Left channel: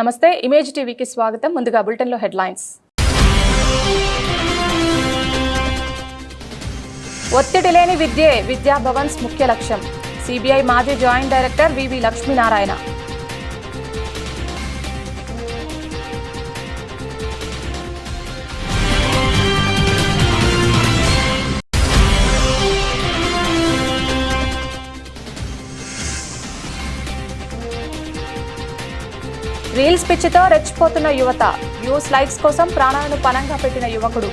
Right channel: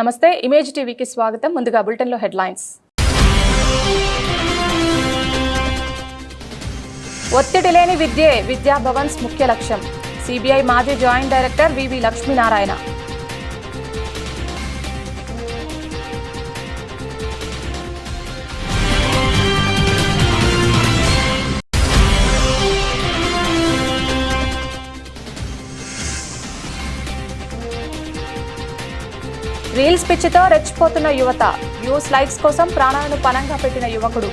నమస్తే ఇమేజ్ టీవీకి స్వాగతం. ముందుగా బులెటిన్లో హెడ్లైన్స్. ఒత్తిడి లేని విద్యే విద్యా భవన్స్ ముఖ్య లక్ష్యం. సిబిఐ మాజీ జాయింట్ డైరెక్టర్ వివి లక్ష్మీనారాయణ. రీల్స్ పిచ్చితో రెచ్చిపోతున్న యువత. వ్యూస్ లైక్స్ కోసం ప్రాణాలను పణంగా పెట్టిన యువకుడు.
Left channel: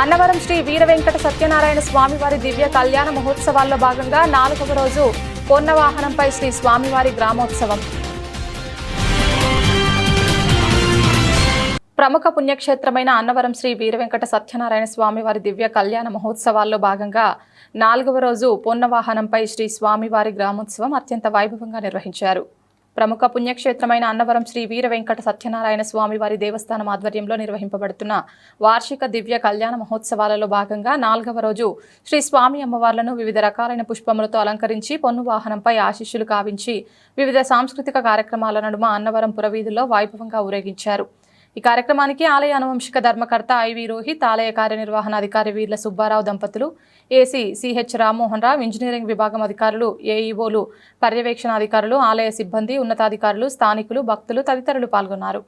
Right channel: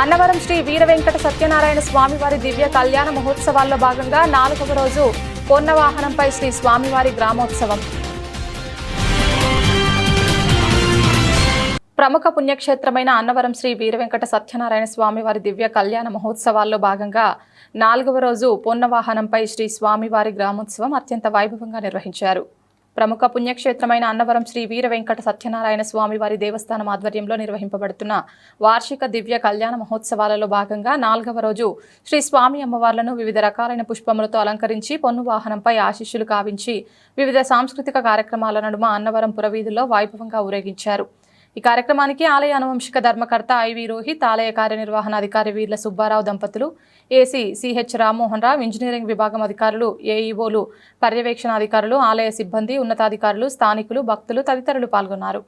అన్నవరం శ్రీ వీర వెంకట సత్యనారాయణ స్వామివారి దివ్య కళ్యాణ మహోత్సవాల్లో భాగంగా 4వ రోజు పొన్న వాహనంపై శ్రీ స్వామివారి గ్రామోత్సవం. ప్రముఖ పుణ్యక్షేత్రమైన అన్నవరం శ్రీ వీర వెంకట సత్యనారాయణ స్వామివారి దివ్య కళ్యాణ మహోత్సవాల్లో భాగంగా 4వ రోజు పొన్న వాహనంపై శ్రీ స్వామివారి గ్రామోత్సవం అత్యంత వైభవంగా నిర్వహించారు. ప్రముఖ పుణ్యక్షేత్రమైన అన్నవరం శ్రీ వీర వెంకట సత్యనారాయణ స్వామివారి దేవస్థానం ఆధ్వర్యంలో నిర్వహింపబడుతున్న వార్షిక దివ్య కళ్యాణ మహోత్సవాలలో భాగంగా 4వ రోజు శ్రీ స్వామి అమ్మవార్లను వివిధ రకాలైన పుష్పములతో అలంకరించి పొన్ను వాహనంపై ఆశీస్సులు కావించి వివిధ సాంస్కృతిక కార్యక్రమాల నడుమ అన్నవరం పురవీధుల్లో వైభవంగా ఊరేగించారు. ఈ కార్యక్రమానికి ఆలయ అనువంశిక ధర్మకర్త ఐవి రోహిత్, ఆలయ కార్యనిర్వహణాధికారి వీర్ల సుబ్బారావు దంపతులు, AC CH Rammohan Rao, engineering విభాగం అధికారులు, ఏఈఓలు, పర్యవేక్షణాధికారులు, ఆలయ సిబ్బంది, ఉన్నతాధికారులు, స్థానికులు, భక్తులు తదితరులు పాల్గొన్నారు.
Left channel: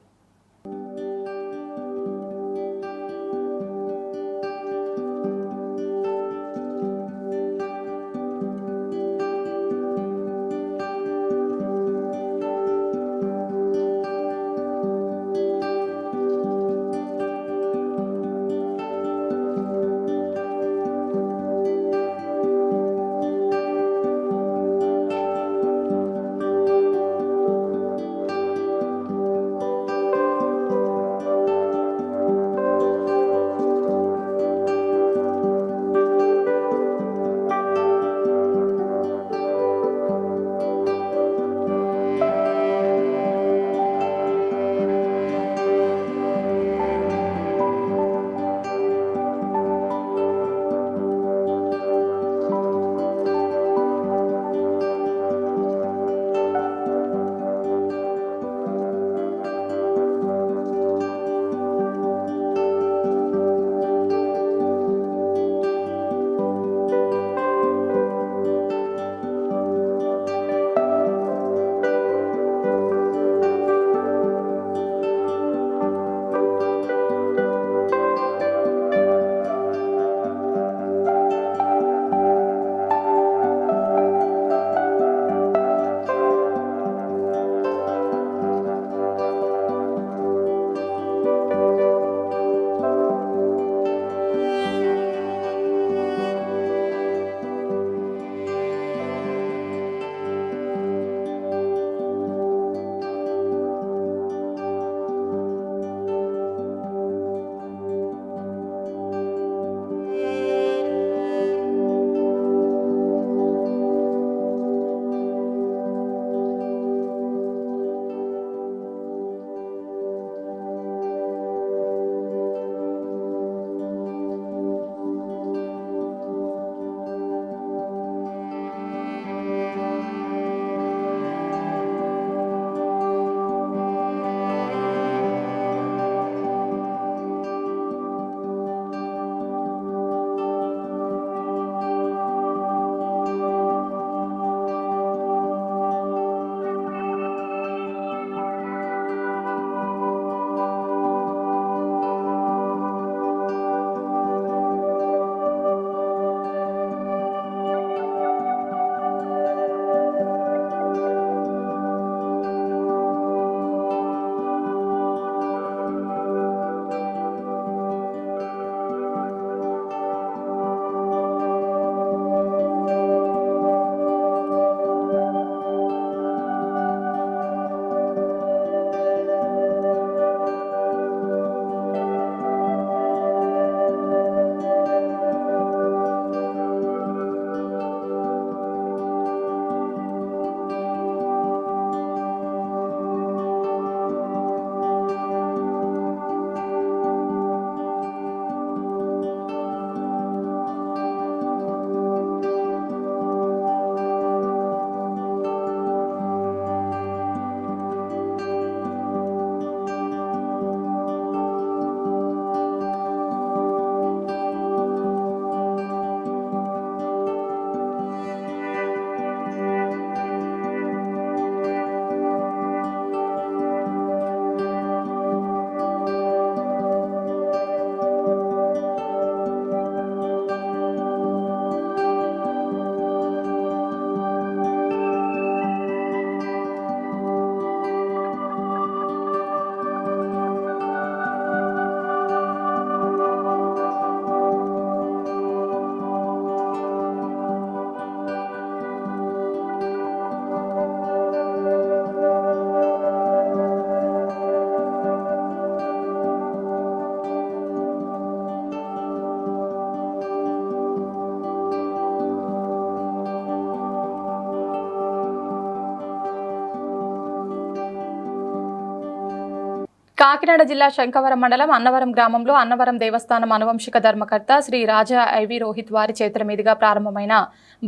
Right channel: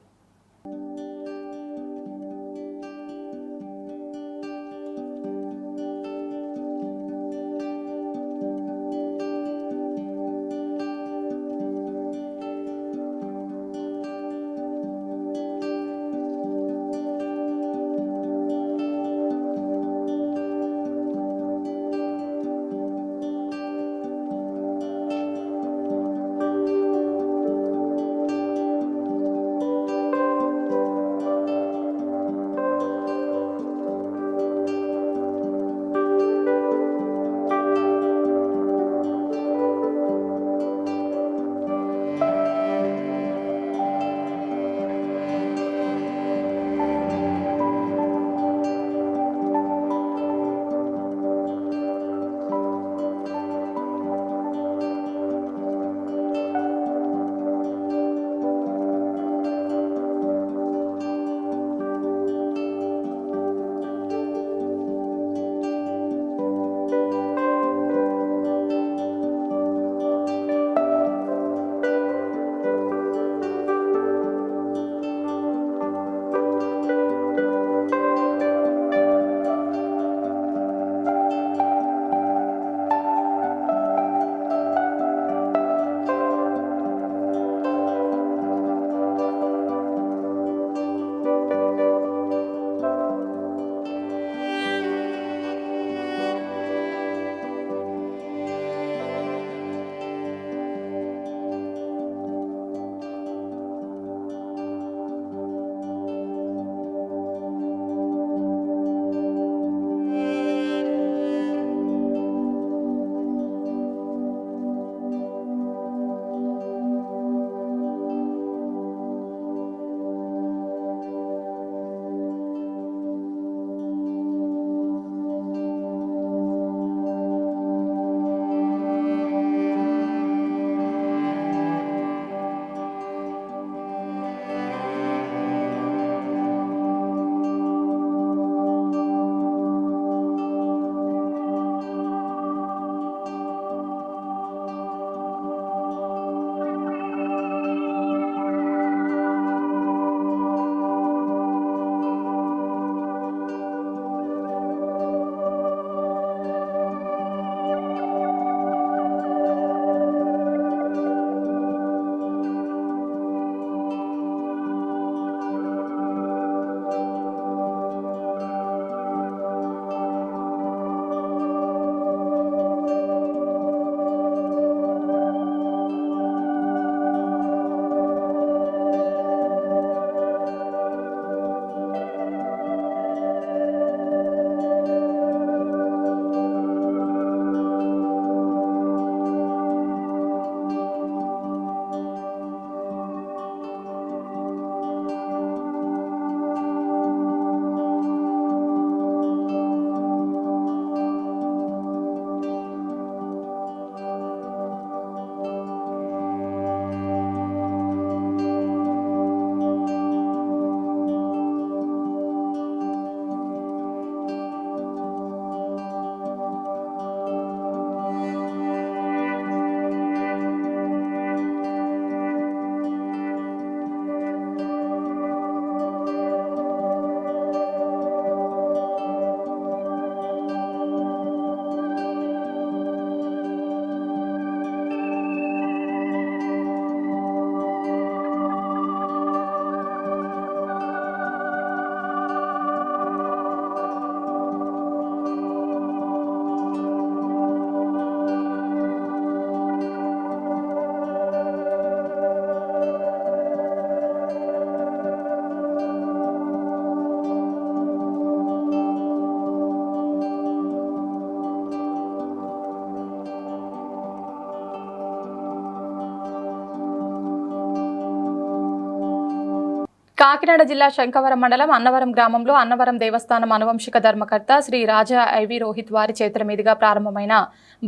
కాకినాడ జిల్లా శంకవరం మండలం అన్నవరం గ్రామంలో అన్నవరం దేవస్థానం అనువంశిక ధర్మకర్త శ్రీ రాజా ఐవి రోహిత్ వారి చేతుల మీదుగా ప్రారంభమైన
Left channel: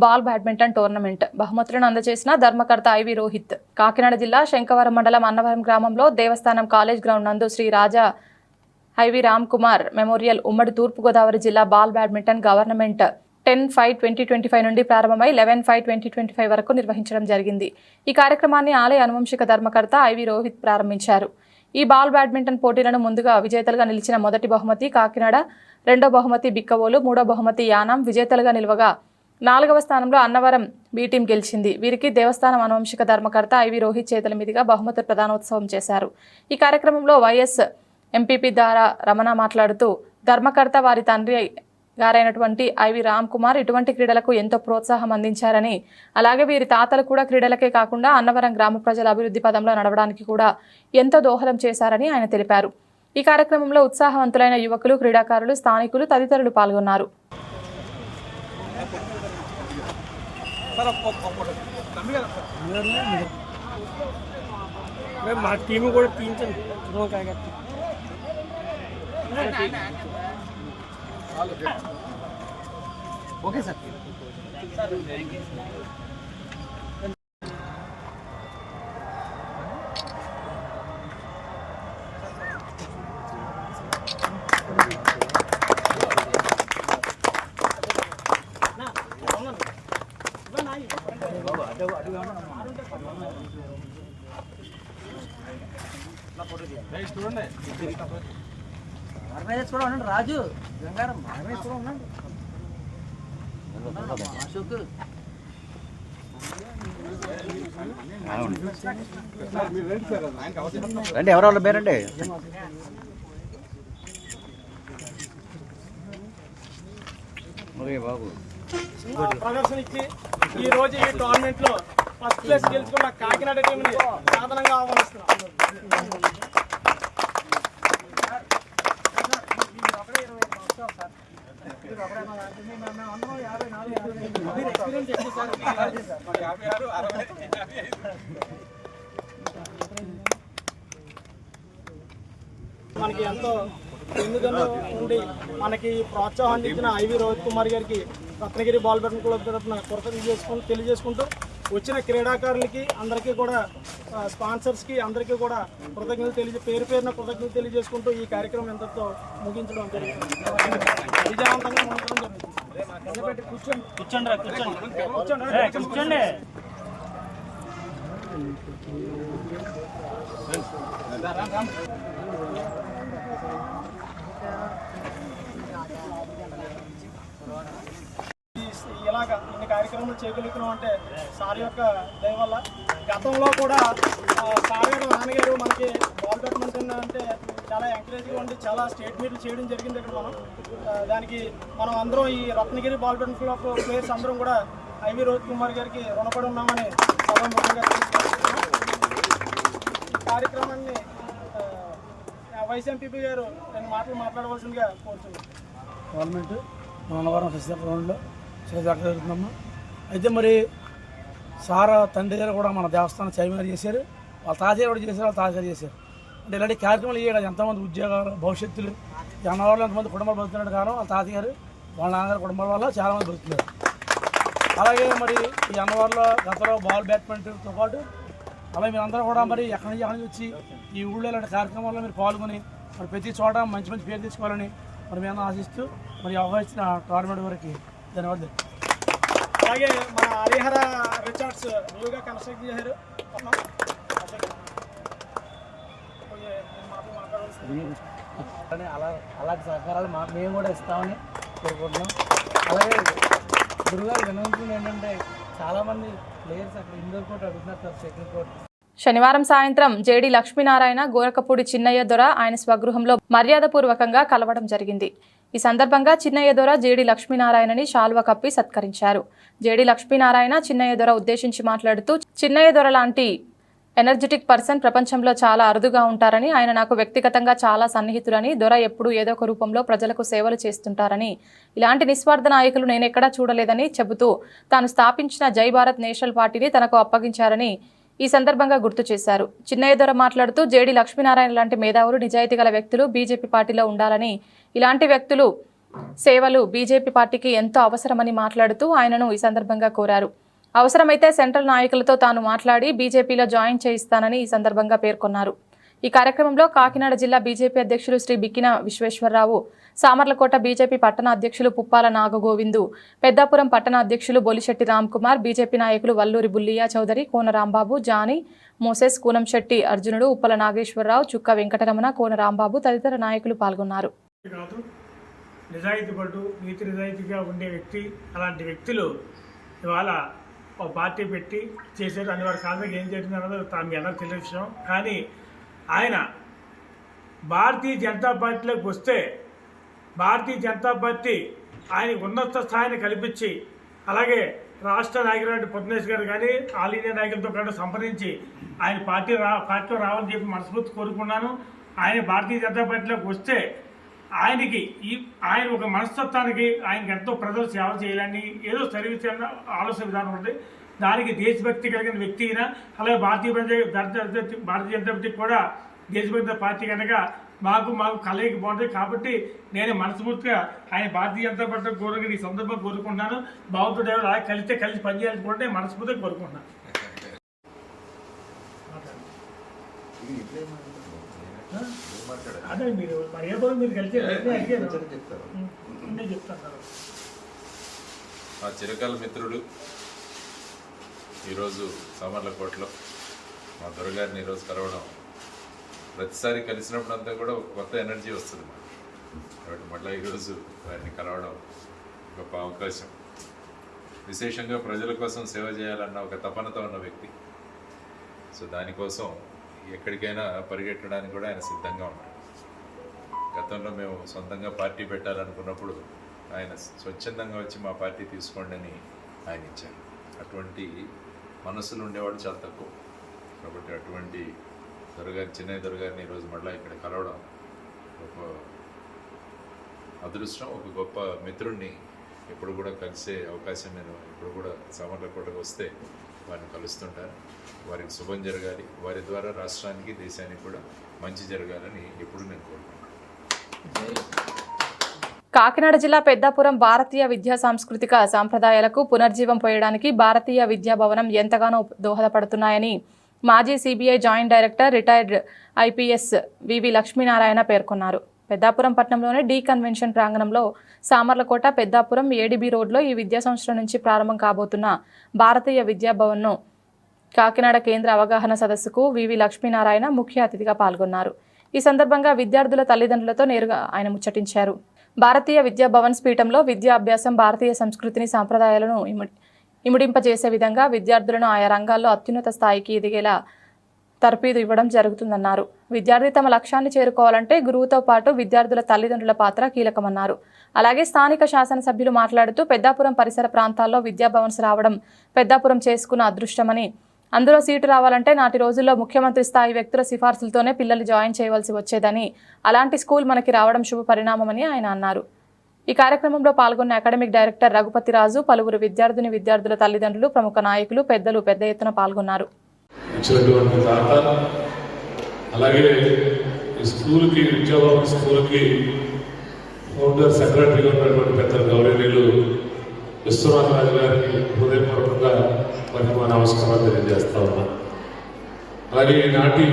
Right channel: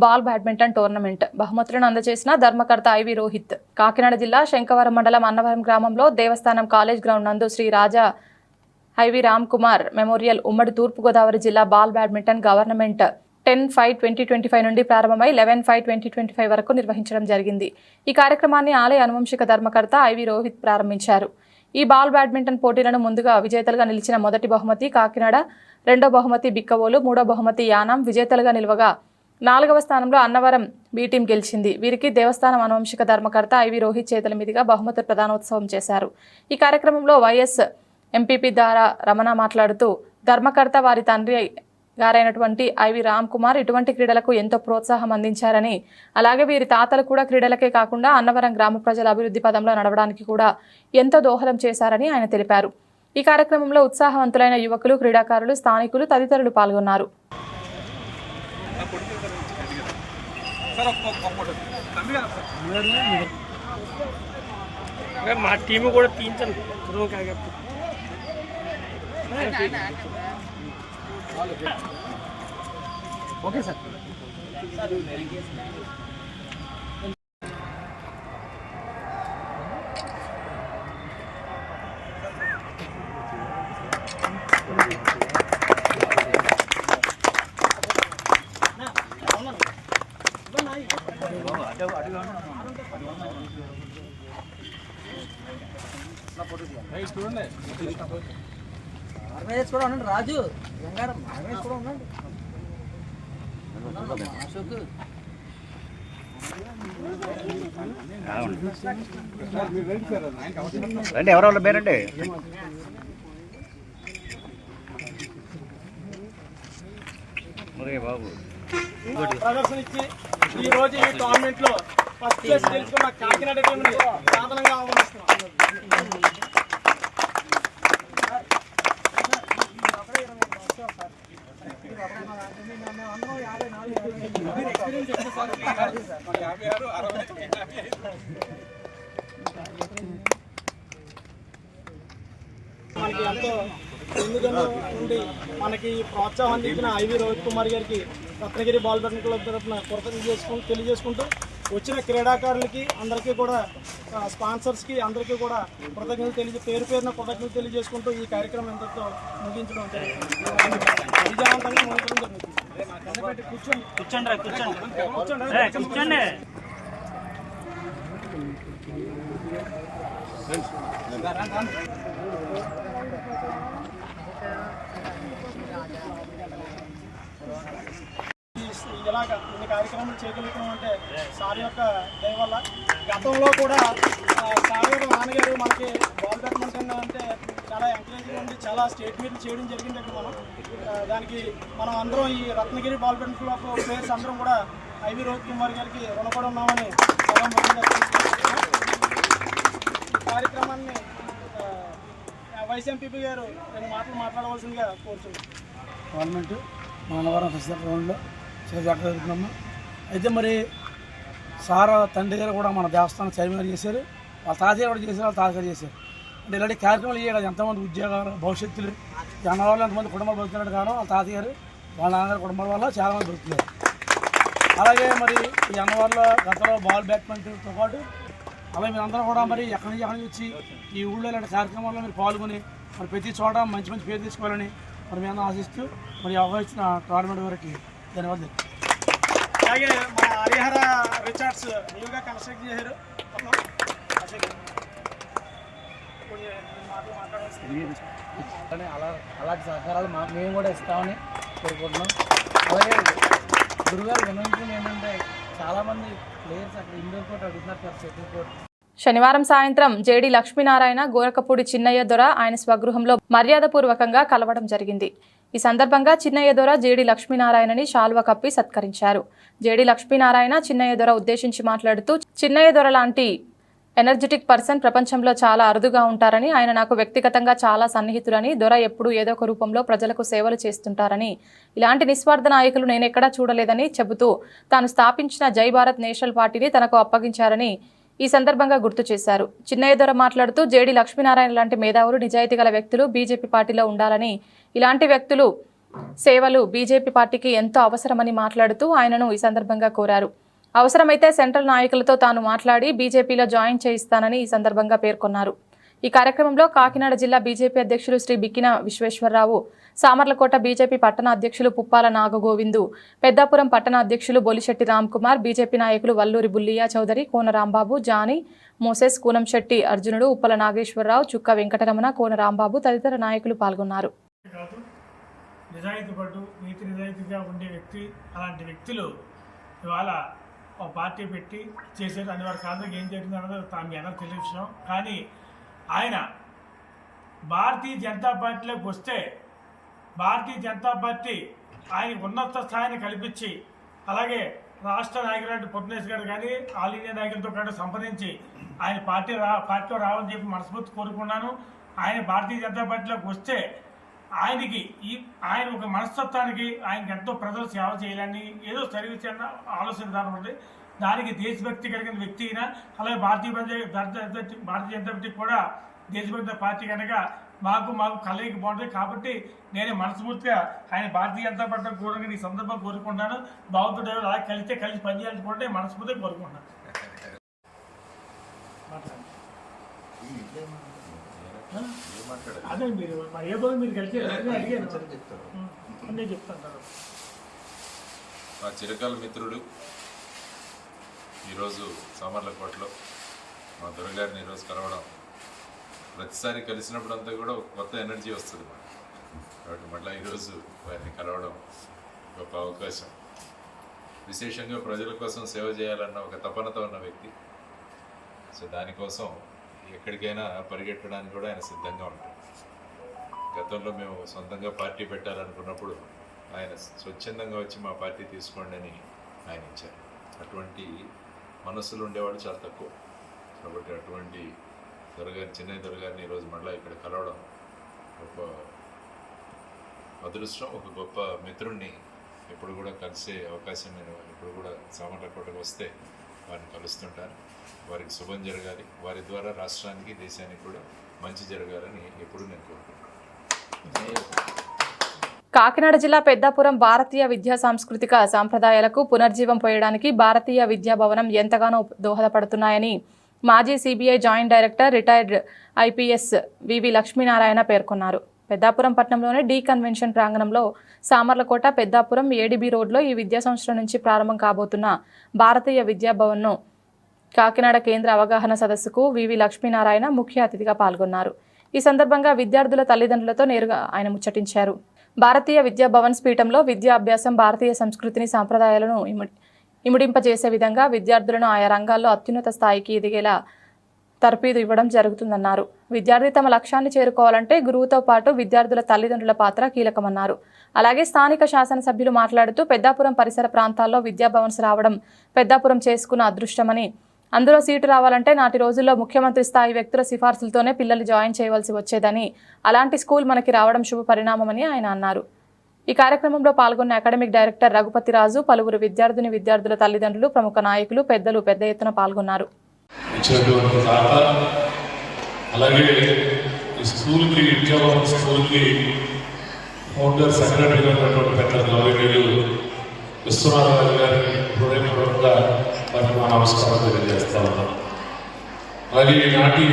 బాల్ బ్యాడ్మింటన్ టోర్నమెంట్ బహుమతులను అందజేసిన ధర్మకర్త ఐవి రోహిత్. కాకినాడ జిల్లా శంకవరం మండలం అన్నవరం గ్రామంలో దేవస్థానం కాలేజ్ గ్రౌండ్ నందు శ్రీ రాజా ఐవి రామ్ కుమార్ మెమోరియల్ ఉమ్మడి తూర్పుగోదావరి జిల్లా బాల్ బ్యాడ్మింటన్ గవర్నమెంట్ 10/5/2025 నుండి ప్రారంభమై 11/5/2025 వరకు నిర్వహించడం జరిగింది. ఈ కార్యక్రమాన్ని ఆలయ అనువంశిక ధర్మకర్త ఐవి రోహిత్ ప్రారంభించారు. ఈ బాల్ బ్యాడ్మింటన్ పోటీలను ముందుగా విజేతలుగా నిలిచిన మొదటి బహుమతి కాకినాడ, రెండో బహుమతి బిక్కవోలు, మూడో బహుమతి యానాం విజేతలుగా నిలవగా 4వ స్థానంలో అన్నవరం బి టీం గెలిచింది. వీరికి దేవస్థానం అనువంశిక ధర్మకర్త ఐవి రోహిత్ చేతుల మీదుగా బహుమతుల ప్రదానోత్సవం చేశారు. ఈ కార్యక్రమంలో వైఎస్ ఎంపీపీ దారా రమణ మాట్లాడుతూ ధర్మకర్త వారి తండ్రి గారైనటువంటి ఐవి రామ్ కుమార్ ఇటువంటి క్రీడలకు ఎంతో ప్రోత్సాహం అందించారని, అలాగే వీరి తాతలు కూడా క్రీడలకే కాకుండా అన్నవరం గ్రామ ప్రజల అభివృద్ధి పదంలో నడవడానికి కూడా ఎంతో దోహదం చేశారని ఆయన తెలిపారు. ఈ కార్యక్రమంలో ఉత్సాహవంతులైన యువకులు, క్రీడాకారులు, స్థానికులు తదితరులు పాల్గొన్నారు. Okay sir. చూడండి రాజు గంగారం చూడండి రండి, ఎవరో పేరండి. బాబు ప్రదర్శన ఇచ్చి ఈ రోజు ఈ టోర్నమెంట్ లో ఫస్ట్ ప్లేస్ గెలుచుకున్న కాకినాడ టీంని సాధనంగా ఆహ్వానిస్తున్నాం. మనకి ఎంతో ఎందుకనో ఉండి మనకి ప్రోత్సాహం అందించిన ఐవి రోహిత్ కుమార్ గారికి రత్నగిరి బాల్ బ్యాడ్మింటన్ క్లబ్ తరఫున కృతజ్ఞతలు తెలియజేసుకుంటూ వచ్చిన క్రీడాకారులకి అందరికీ కూడా స్పాన్సర్స్కి అందరికీ కూడా కృతజ్ఞతలు పేరు పేరున కృతజ్ఞతలు తెలియజేసుకుంటూ ఈ కార్యక్రమం ఎంతతో ముగించడం జరిగింది. విజయవంతంగా ముగించడం జరుగుతుంది. కూర్చోండి. ఇలాగా ఇన్ని కార్యక్రమాలు చేయగలుగుతున్నాం అంటే సార్ యొక్క దయ వల్ల. గతంలో కూడా సార్ గారు నాన్నగారు మనకి బాల్ బ్యాడ్మింటన్ అంటే చాలా ఎంకరేజ్గా ఉండి చాలా స్టేట్ మీట్లు చేయడం జరిగింది. ఇక్కడ దానికి మనం అందరం ఈ Ratnagiri ball badminton club players అందరం కూడా ఐవి రోహిత్ కుమార్ గారికి రుణపడి ఉన్నామని కార్యక్రమాన్ని వైస్ ఎంపీపీ గారు 2 మాటలు మాట్లాడవలసిందిగా కోరుతున్నాం. గవర్నమెంట్ అన్నవరం ఫెస్టివల్ గ్రౌండ్లో జరుగుతున్నాము. అయితే మరి సార్ తండ్రి గారు కూడా మన దేవస్థానం చైర్మన్ చేశారు, వాళ్ళ తాతగారు కూడా చేశారు, వాళ్ళ తాతగారు చేశారు. అంటే ఇలాంటి కార్యక్రమాలు ఇయ్యే కదా ఎంతమంది ఉద్యోగాలు భవిష్యత్తులు ఈ అన్నవరంలో ఎంతమంది కుటుంబాలు బతుకుతున్నాడు కారణం వాళ్ళ తాతగారు వాళ్ళ నాన్నగారు కుటుంబాల వల్ల చాలామంది బతుకుతున్నారు. అలాగే మరి ఈ అన్నవరంలో గతంలో బాల్ బ్యాడ్మింటన్తో పాటు అలాగే మీరందరూ కూడా మరి ఎక్కడి నుంచి వచ్చి ఈ ఊళ్ళో ఇలాంటి కార్యక్రమాల్లో మీరు పాల్గొని మరి ప్రతి చోట మంచి మంచి పేరు తీసుకోవాలని మరి మేము ఆశిస్తూ మరి అవకాశించిన టోర్నమెంట్ వరకు ధన్యవాదాలు. అలాగే మన హరిహర రిచార్డ్స్ న్యూగా కన్స్ట్రక్ట్ చేశారు. అలాంటి సహకారాలు మేము కూడా ఇస్తామని కోరుకుంటున్నాం. అలాగే గురుగారు వినంతుంది ఏంటంటే చాలామంది ప్లేయర్స్ అక్కడ ఇండోర్ కోర్ట్ అడుగుతున్నారు సార్, షటిల్ కోర్ట్. శనివారం సాయంత్రం జేడి లక్ష్మీనారాయణ గోరకపూడి చిన్నయ్య దొర ఆయన స్వగృహంలో మర్యాదపూర్వకంగా కలవడం జరిగింది. ఈ సందర్భంగా చిన్నయ్య దొర జేడి లక్ష్మీనారాయణని శాలువ కప్పి సత్కరించారు. జేడి లక్ష్మీనారాయణ చిన్నయ్య దొర ఉద్దేశించి మాట్లాడుతూ చిన్నయ్య దొర లాంటి ఎనర్జెటిక్ పర్సన్ ప్రపంచంలో చాలా అరుదుగా ఉంటారని, ఆయన నాకు వ్యక్తిగతంగా చాలా సన్నిహితులని, దొర ఎప్పుడూ ఏదో ఒక రూపంలో ప్రజలకు సేవలు చేస్తుంటారని, ఇలాంటి నిస్వార్థ నాయకులు నేనెక్కడా చూడలేదని చెబుతూ తాను స్థాపించిన జై భారత్ నేషనల్ పార్టీని తనకు అప్పగించారని, ఈ సందర్భంగా గుర్తు చేశారు. చిన్నయ్యదొర మాట్లాడుతూ జేడి లక్ష్మీనారాయణ లాంటి మేధావులు, నిజాయితీ గల వ్యక్తులు బీజేపీ పార్టీలో ఉండాలని, ఇలాంటి వ్యక్తులు సేవలు బీజేపీ పార్టీకి ఎంతో అవసరమని మాట్లాడుతూ ఆయనను ఈ సందర్భంగా కోరారు. అవసరమైతే సెంట్రల్ నాయకులతో తాను మాట్లాడి బీజేపీలో జాయిన్ చేయిస్తానని ఈ సందర్భంగా పేర్కొన్నారు. ఈ కార్యక్రమంలో కాకినాడ జిల్లా బీజేపీ అధ్యక్షులు శ్రీ బిక్కిన విశ్వేశ్వరరావు, సామర్లకోట బీజేపీ పట్టణ అధ్యక్షులు పుప్పాల నాగగోవిందు, పెద్దాపురం పట్టణ అధ్యక్షులు బొలిశెట్టి రామ్కుమార్, బీజేపీ నాయకులు వల్లూరి బుల్లియా చౌదరి, కోన రాంబాబు, జానీ, మోసెస్, కూనంశెట్టి అర్జునుడు, ఉప్పల నాగేశ్వరరావు, చుక్క వెంకటరమణ, కోన రాంబాబు తదితర నాయకులు పాల్గొన్నారు. నిజాయితీపడు, నీతి నిజాయితీగా ఉండే వ్యక్తి, అలాంటి వ్యక్తులు ఇవాళ ఒక పార్టీ పెట్టి చేశారు. అని వారి కారణంగా ఏం జరిగింది అన్నది మీ అందరూ తెలియని విషయం. కానీ ఆయన భారతీయ జనతా పార్టీలోకి వస్తే భారతీయ జనతా పార్టీ ఆయన ఉన్నత స్థాయిని కల్పించి, అలాగే రాష్ట్ర నాయకులు పొద్దునేష్ గారు కానీ ఆల్ ఇండియా నాయకులతో కూడా సంప్రదించి ఆయన పార్టీలో రావాలని చెప్పి మనస్ఫూర్తి కోరుకున్నాను. ఆయన భారతీయ జనతా పార్టీలోకి వస్తే ఆయన ఒక మనస్తత్వానికి ఆయనకి ఎంతో ప్రజలు సేవ చేయాలని ఏదో సర్వీస్ అన్న ఆలోచన విధానం ఉంది. దానికి దేశభక్తి కలిగిన వ్యక్తి అయినా, అలాగే భారతీయ జనతా పార్టీ కూడా దేశభక్తి పార్టీ కనుక మాకు కలయిక బాగుంటుంది. కాబట్టి నేను మనస్ఫూర్తిగా ఆయన భారతీయ జనతా పార్టీ కోరుకుని ఈ సందర్భం కోరుకుంటున్నాను. భగవంతుడు ఎవరు అలాగే కలిసి పనిచేయాలని కూడా మనస్ఫూర్తిగా కోరుకుంటున్నాను. అదే మీరు ఏదో మీరు కలిసి చెప్తాను. మా చిరకాల మిత్రుడు ఈరోజు సామర్లకోటలో మా దొరగారిని ఈరోజు కలవడం, ప్రతిసారి కలిసినప్పుడు అంతా కూడా ఒక కొత్త ఎనర్జీ వస్తుంది మాకు. కాబట్టి మళ్ళీ ఈరోజు వారిని కలవడం గొప్ప అవకాశం. విశేషంగా ప్రజల కోసం సేవ చేయాలన్న ఒక తపనతో ఉన్న వ్యక్తి. సో దానికోసం ఎక్కడికైనా పరిగెట్టడానికి కూడా ఆయన సిద్ధంగా ఉంటాడు. గతంలో మేము సొంతంగా పార్టీ పెట్టాలనుకున్నప్పుడు ఆయన స్వచ్ఛందంగా వచ్చి మా పార్టీ తీసుకోండి అని ఆయన ఇచ్చారు. అటువంటి మనసులు ఉండేవాడు చాలా తక్కువ. కాబట్టి అటువంటి చిన్నయ్య దొరగారిని ఈరోజు మళ్ళీ ఇక్కడ కలవడం ఒక అదృష్టం. ఒక గొప్ప మిత్రుడిని ఎప్పుడు కూడా కలిసే అవకాశం నేను ఇప్పుడు కూడా సామర్లకోటకు వస్తే వారిని కలుస్తుంటాను. వారికి శుభం జరగాలి, వారి ద్వారా రాష్ట్రానికి దేశానికి కూడా మంచి జరగాలని ఇప్పుడు నేను కోరుకుంటున్నాను. కాకినాడ జిల్లా పెద్దాపురం భారతీయ విద్యా సాంస్కృతిక సాంప్రదాయాలకు పునర్జీవం పోయడానికి భారతీయ విద్యా భవనం ఎంతగానో దోహదపడుతున్నాయని మాజీ CBI joint director, retired IPS VV Lakshminarayana పేర్కొన్నారు. పెద్దాపురం పట్టణంలోని డి కన్వెన్షన్ ప్రాంగణంలో సామర్లకోట, పెద్దాపురం, ఏడిబి రోడ్లో ఈ విద్యా సంవత్సరం నుంచి ప్రారంభం కాబోతున్న భారతీయ విద్యా భవన్ను కాకినాడ కేంద్ర అవగాహన సదస్సుకు వివి లక్ష్మీనారాయణ ముఖ్య అతిథిగా పాల్గొన్నారు. ఈ సందర్భంగా విద్యార్థుల తల్లిదండ్రులతో నేరుగా ఆయన ముచ్చటించారు. భారతీయ విద్యా భవన్స్ పీఠంలో విద్యా అభ్యాసం భారతీయ సంస్కృతిని, సాంప్రదాయాలను ఇముడింపజేసే విధంగా విద్యార్థులను ఆయా రంగాల్లో అత్యున్నత స్థాయికి ఎదిగేలా తర్ఫీదు ఇవ్వడం జరుగుతుందన్నారు. విద్యార్థి తమ లక్ష్యాన్ని చేరుకోవాలంటే గురువుతో పాటు విద్యార్థుల తల్లిదండ్రుల పాత్ర కీలకమన్నారు. అలాగే స్థానిక శాసనసభ్యులు మాట్లాడుతూ పెద్దాపురం పరిసర ప్రాంతాల్లో విద్యా భవన్స్ రావడం పెద్దాపురం చేసుకున్న అదృష్టమని, అందులో సీటు రావాలంటే నాటి రోజుల్లో ముఖ్యమంత్రి స్థాయి వ్యక్తుల సిఫార్సులతోనే పిల్లలు జాయిన్ చేయవలసి వచ్చేదని, అలాంటి స్కూల్ మనకి రావడం శుభ పరిణామమని ఆయన అన్నారు. ఈ కార్యక్రమంలో పాల్గొన్న అకాడమిక్ డైరెక్టర్ రఘుపతిరాజు, పలువురు విద్యార్థుల తల్లిదండ్రులు, ప్రముఖ నాయకులు, పెద్దలు పెద్ద ఎత్తున పాల్గొన్నారు. అలాగే ఈ స్కూల్కి విద్యాభవన్ స్కూల్కి ఫౌండర్ సెక్రటరీగా ఉన్నటువంటి పెద్ద గౌరవనీయులు విశ్వనాథరాజు గారికి హృదయపూర్వకంగా వారికి మా నమస్కారం తెలియజేస్తా ఉన్నాం. అలాగే ఈనాటి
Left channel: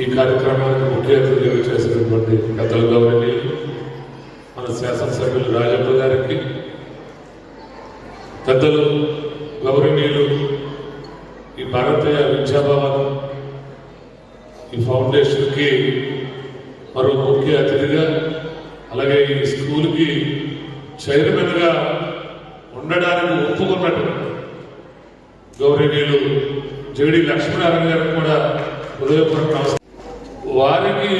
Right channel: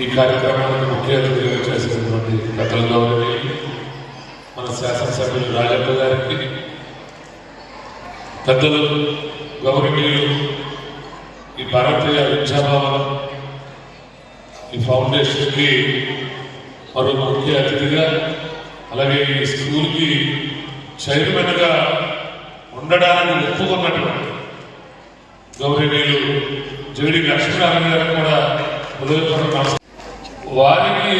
ఈ కార్యక్రమానికి ముఖ్య అతిథిగా చేసినటువంటి పెద్దల గౌరవనీయులు మన శాసనసభ్యులు రాజప్ప గారికి, పెద్దలు గౌరవనీయులు ఈ భారతీయ విద్యాభవనం ఈ ఫౌండేషన్కి మరో ముఖ్య అతిథిగా, అలాగే ఈ స్కూల్కి చైర్మన్గా ఉండడానికి ఒప్పుకున్నటువంటి గౌరవనీయులు జేడి లక్ష్మీనారాయణ గారు కూడా హృదయపూర్వక వారికి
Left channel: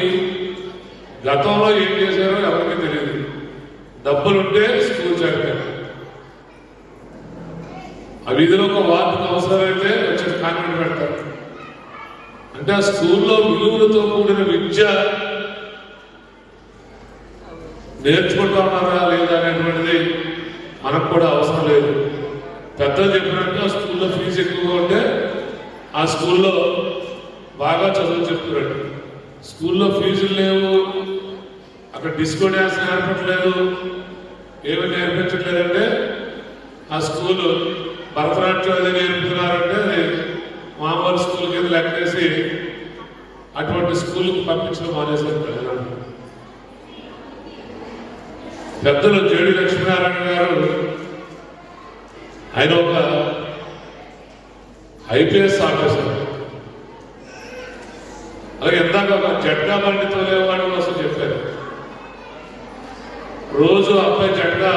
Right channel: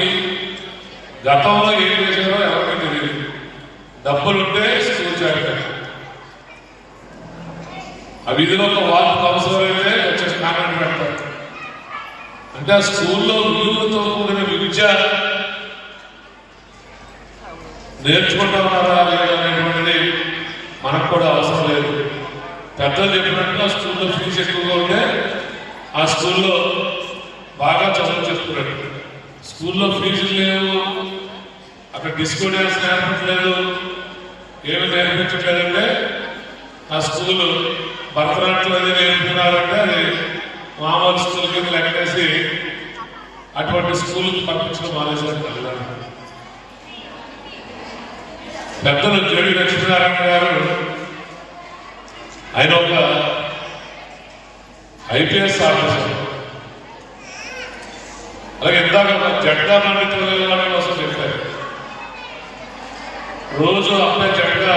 గతంలో ఏం చేశారో ఎవరికి తెలియదు. డబ్బులుంటే స్కూల్ చేరతారు. ఆ విధిలో ఒక వార్తకు అవసరమైతే వచ్చేసి కామెంట్ పెడతారు. అంటే ఆ స్కూల్లో విలువలతో కూడిన విద్య నేర్చుకుంటున్నారా లేదా అనేటువంటిది మనకు కూడా అవసరం లేదు. పెద్దలు చెప్పినట్టు ఆ స్కూల్లో ఫీజు ఎక్కువగా ఉంటే ఆ స్కూల్లో బాగా చదువు చెప్తున్నాడు. స్కూల్లో ఫీజులు లేవు, అక్కడ డిస్కో డ్యాన్స్ నేర్పట్లేదు, ఏమి నేర్పించట్లేదంటే ఆ స్కూల్ భరతనాట్యం అది నేర్పుతున్నారంటే అది మామూలు స్కూల్ కింద లెక్కేసి అటువంటి స్కూల్కి పంపించడం మానేశారు. పెద్దలు జేడి లక్ష్మీనారాయణ గారు ఆయన ఒక ఐపీఎస్ ఆఫీసర్. అలాగే ఇందాక జెండా పండితులు వాళ్ళ కోసం చెప్పారు. రోజు అబ్బాయి జెండా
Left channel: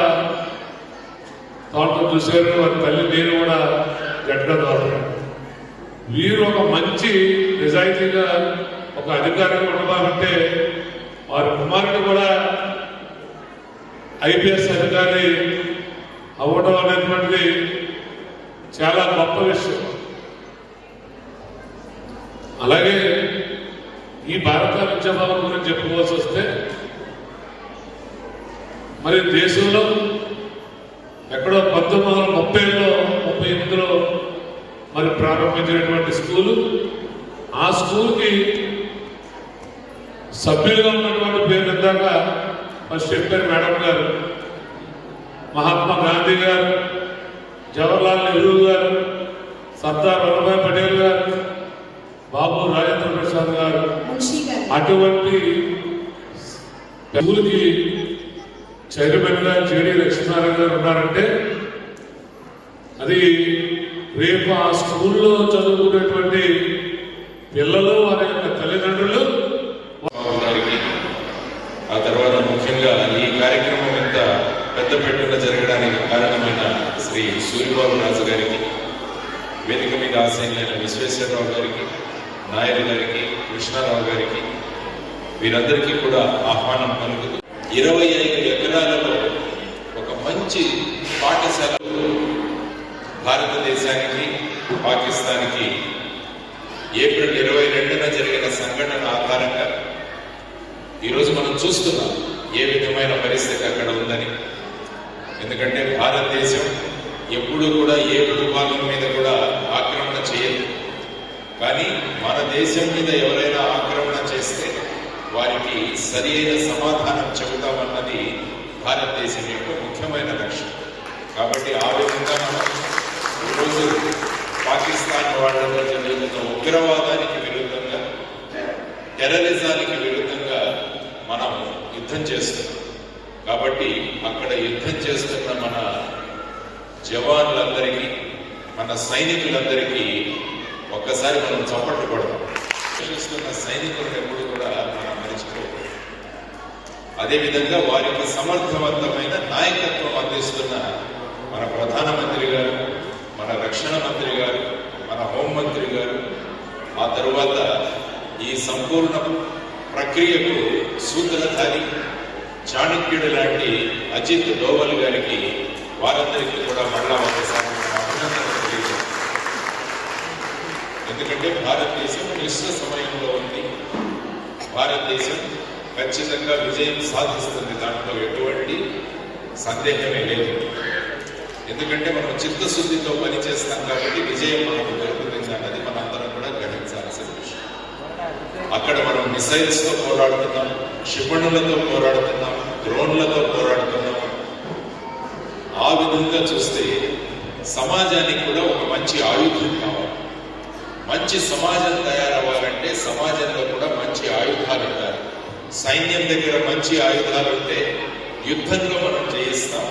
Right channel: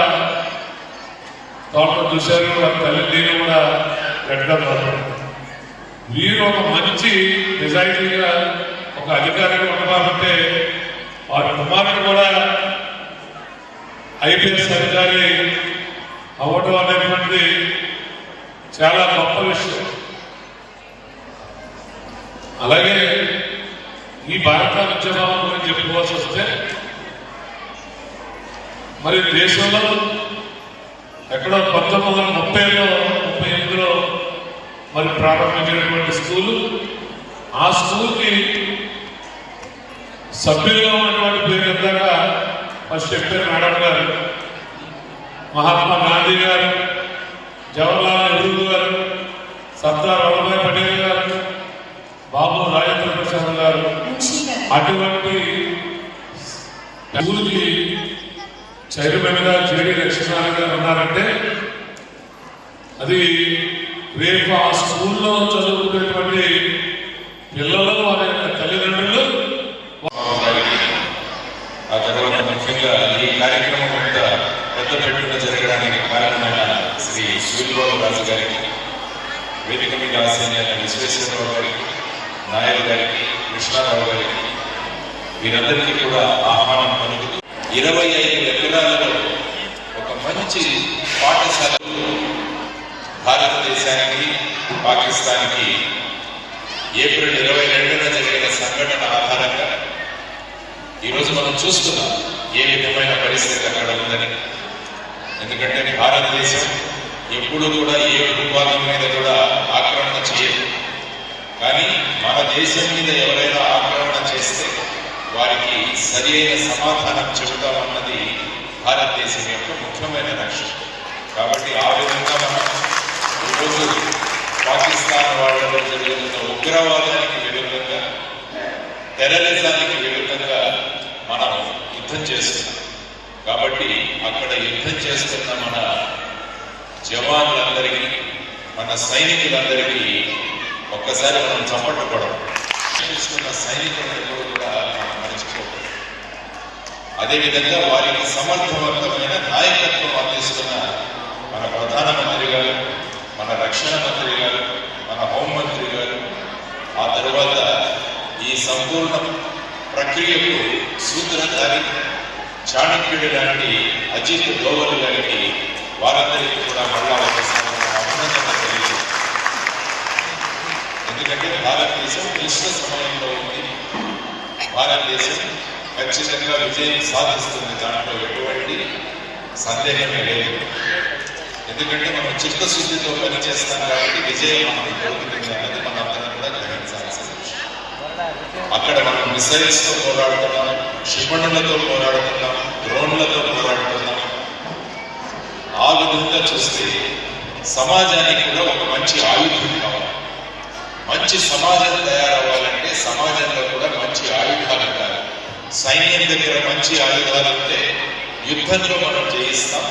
తోట చూశారు, వాళ్ళ తల్లి నేను కూడా జెండా వీరు ఒక మంచి నిజాయితీగా ఒక అధికారిగా ఉండాలంటే వారి కుమారుడు కూడా ఐపీఎస్ అధికారి అవ్వడం అనేటువంటిది చాలా గొప్ప విషయం. అలాగే ఈ భారత ఉద్యమం గురించి చెప్పుకోవాల్సి వస్తే మరి దేశంలో ఎక్కడో 1938లో మరి ప్రారంభించినటువంటి స్కూలు, ఆ స్కూల్కి సభ్యులుగా ఉన్నటువంటి పేరు ఇందాక ఫస్ట్ చెప్పారు మేడం గారు, మహాత్మా గాంధీ గారు, జవహర్లాల్ నెహ్రూ గారు, సర్దార్ వల్లభాయ్ పటేల్ గారు, బాబు రాజేంద్ర ప్రసాద్ గారు. అటువంటి స్కూల్కి చైర్మన్గా జేడి లక్ష్మీనారాయణ గారు ఉన్నారంటే అది రేపు ఆ స్కూల్లో చదువుకునేటువంటి పిల్లలు వారి యొక్క తల్లిదండ్రులు. ఆ తర్వాత ముఖ్యంగా ఈ కార్యక్రమం యొక్క పెద్ద పెట్టుగా జరగడానికి కారణమైన శ్రీ సూర్యబాబు రాజు గారికి, వేదిక మీద ఆసీన విశ్వేశ్వరరావు గారికి, నాయర్ గారికి, కృష్ణారావు గారికి, వీరందరికీ కూడా ఆహ్వానం పలుకుతూ 25 ఎకరాలలో ఒక మంచి పాఠశాలలో భారతదేశానికి పాకిస్తాన్కి ఏప్రిల్ 22న జరిగిన సంఘటన ఆధారంగా ఈరోజు మనం చూస్తున్నాం ఏ విధమైన పరిస్థితి అక్కడ ఉందని. ఎందుకంటే భారతదేశం ఎప్పుడు కూడా ఏ భూభాగం మీద కూడా ఆక్రమణ చేయదు. కానీ మన దేశం మీద ఎవరైనా ఆక్రమణ చేస్తే వారికి సరి అయిన సమాధానం చెబుతామన్నది భారతదేశం యొక్క ముఖ్యమైన లక్ష్యం. కాబట్టి ఆ విధంగా మనం ఈరోజు పాకిస్తాన్ వాళ్ళలో జరుగుతున్న ఉగ్రవాదానికి విరుద్ధంగా, టెర్రరిజానికి విరుద్ధంగా మనం యుద్ధం చేస్తున్నాం. కాబట్టి అక్కడ యుద్ధం చేస్తున్న మన జవాన్లందరికీ, మన సైనికులందరికీ ఒక్కసారి మనం చప్పట్లు కొడతాం. చేస్తున్న సైనికులందరూ కూడా మర్చిపోతాం. అదేవిధంగా వారికి సమర్థవంతమైన నాయకత్వం అందిస్తున్న మన ప్రధానమంత్రి గారు, మన రక్షణ మంత్రి గారు, మన హోంమంత్రి గారు, ఆ తరువాత ఈ సంపూర్ణ ప్రక్రియకు సూత్రధారి చాణక్యుడి లాంటి అజిత్ డోవల్ గారికి, వారందరికీ కూడా మళ్ళా ఒకసారి అభినందన తెలియజేస్తాం. ఎందుకంటే భారతదేశం క్లిష్ట సమయంలో ఉంది. భారతదేశం ఖచ్చితంగా విజయం సాధిస్తుంది, దాంట్లో ఎటువంటి సందేహమే లేదు. ఎందుకంటే మనం చిత్తశుద్ధితో పనిచేస్తాం కాబట్టి విజయం మనకు దొరుకుతుంది అనేది మనందరం కూడా గ్రహించాల్సిన విషయం. అక్కడ మనం మిసైల్స్తో పోరాడుతున్నాం, క్షిపణులతో పోరాడుతున్నాం, డ్రోన్లతో పోరాడుతున్నాం. ఆ విధంగా చూస్తే సమాజానికి కూడా ఒక మంచి ఆయుధం కావాలి. మంచి సమాజం తయారవ్వాలంటే సమాజంలో కూడా మంచి ఆయుధాలు ఉండాలి. సైన్యం దగ్గర మంచి ఆయుధాలు ఉంటే యుద్ధంలో మనం జయిస్తాం.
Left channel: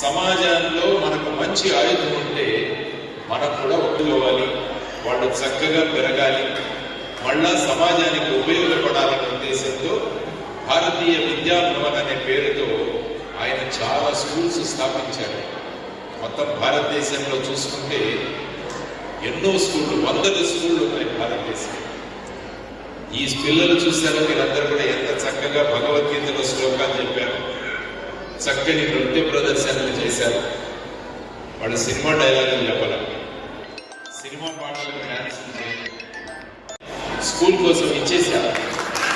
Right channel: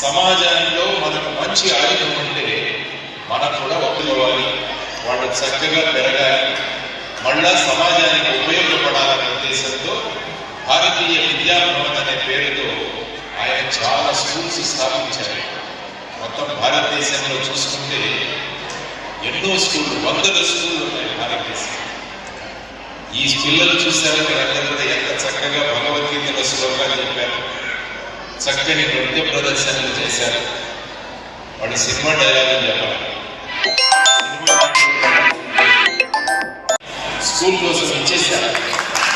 సమాజంలో మనకు మంచి ఆయుధం ఉంటే మనకు కూడా ఒప్పుకోవాలి, వాళ్ళు చక్కగా పెరగాలి, మళ్ళా సమాజానికి ఉపయోగపడాలనే ఉద్దేశంతో భారతీయ విద్యాభవన్ అనే పేరుతో ఆయన చాలా స్కూల్స్ స్థాపించారు. మొత్తం భారతదేశంలో చూసుకుంటే ఎన్నో స్కూళ్ళు, 100 స్కూళ్ళు ఉన్నాయి భారతదేశం. ఈ పిల్లలు చూసారా, వీళ్ళందరూ కూడా ఎంత చక్కగా భగవద్గీతలో శ్లోకాలు చెప్పారు, చక్కని నృత్య ప్రదర్శనలు చేశారు. వాళ్ళు సినిమా డైలాగులు చెప్పాలి. స్కూల్ కోసం ఇచ్చేసారు.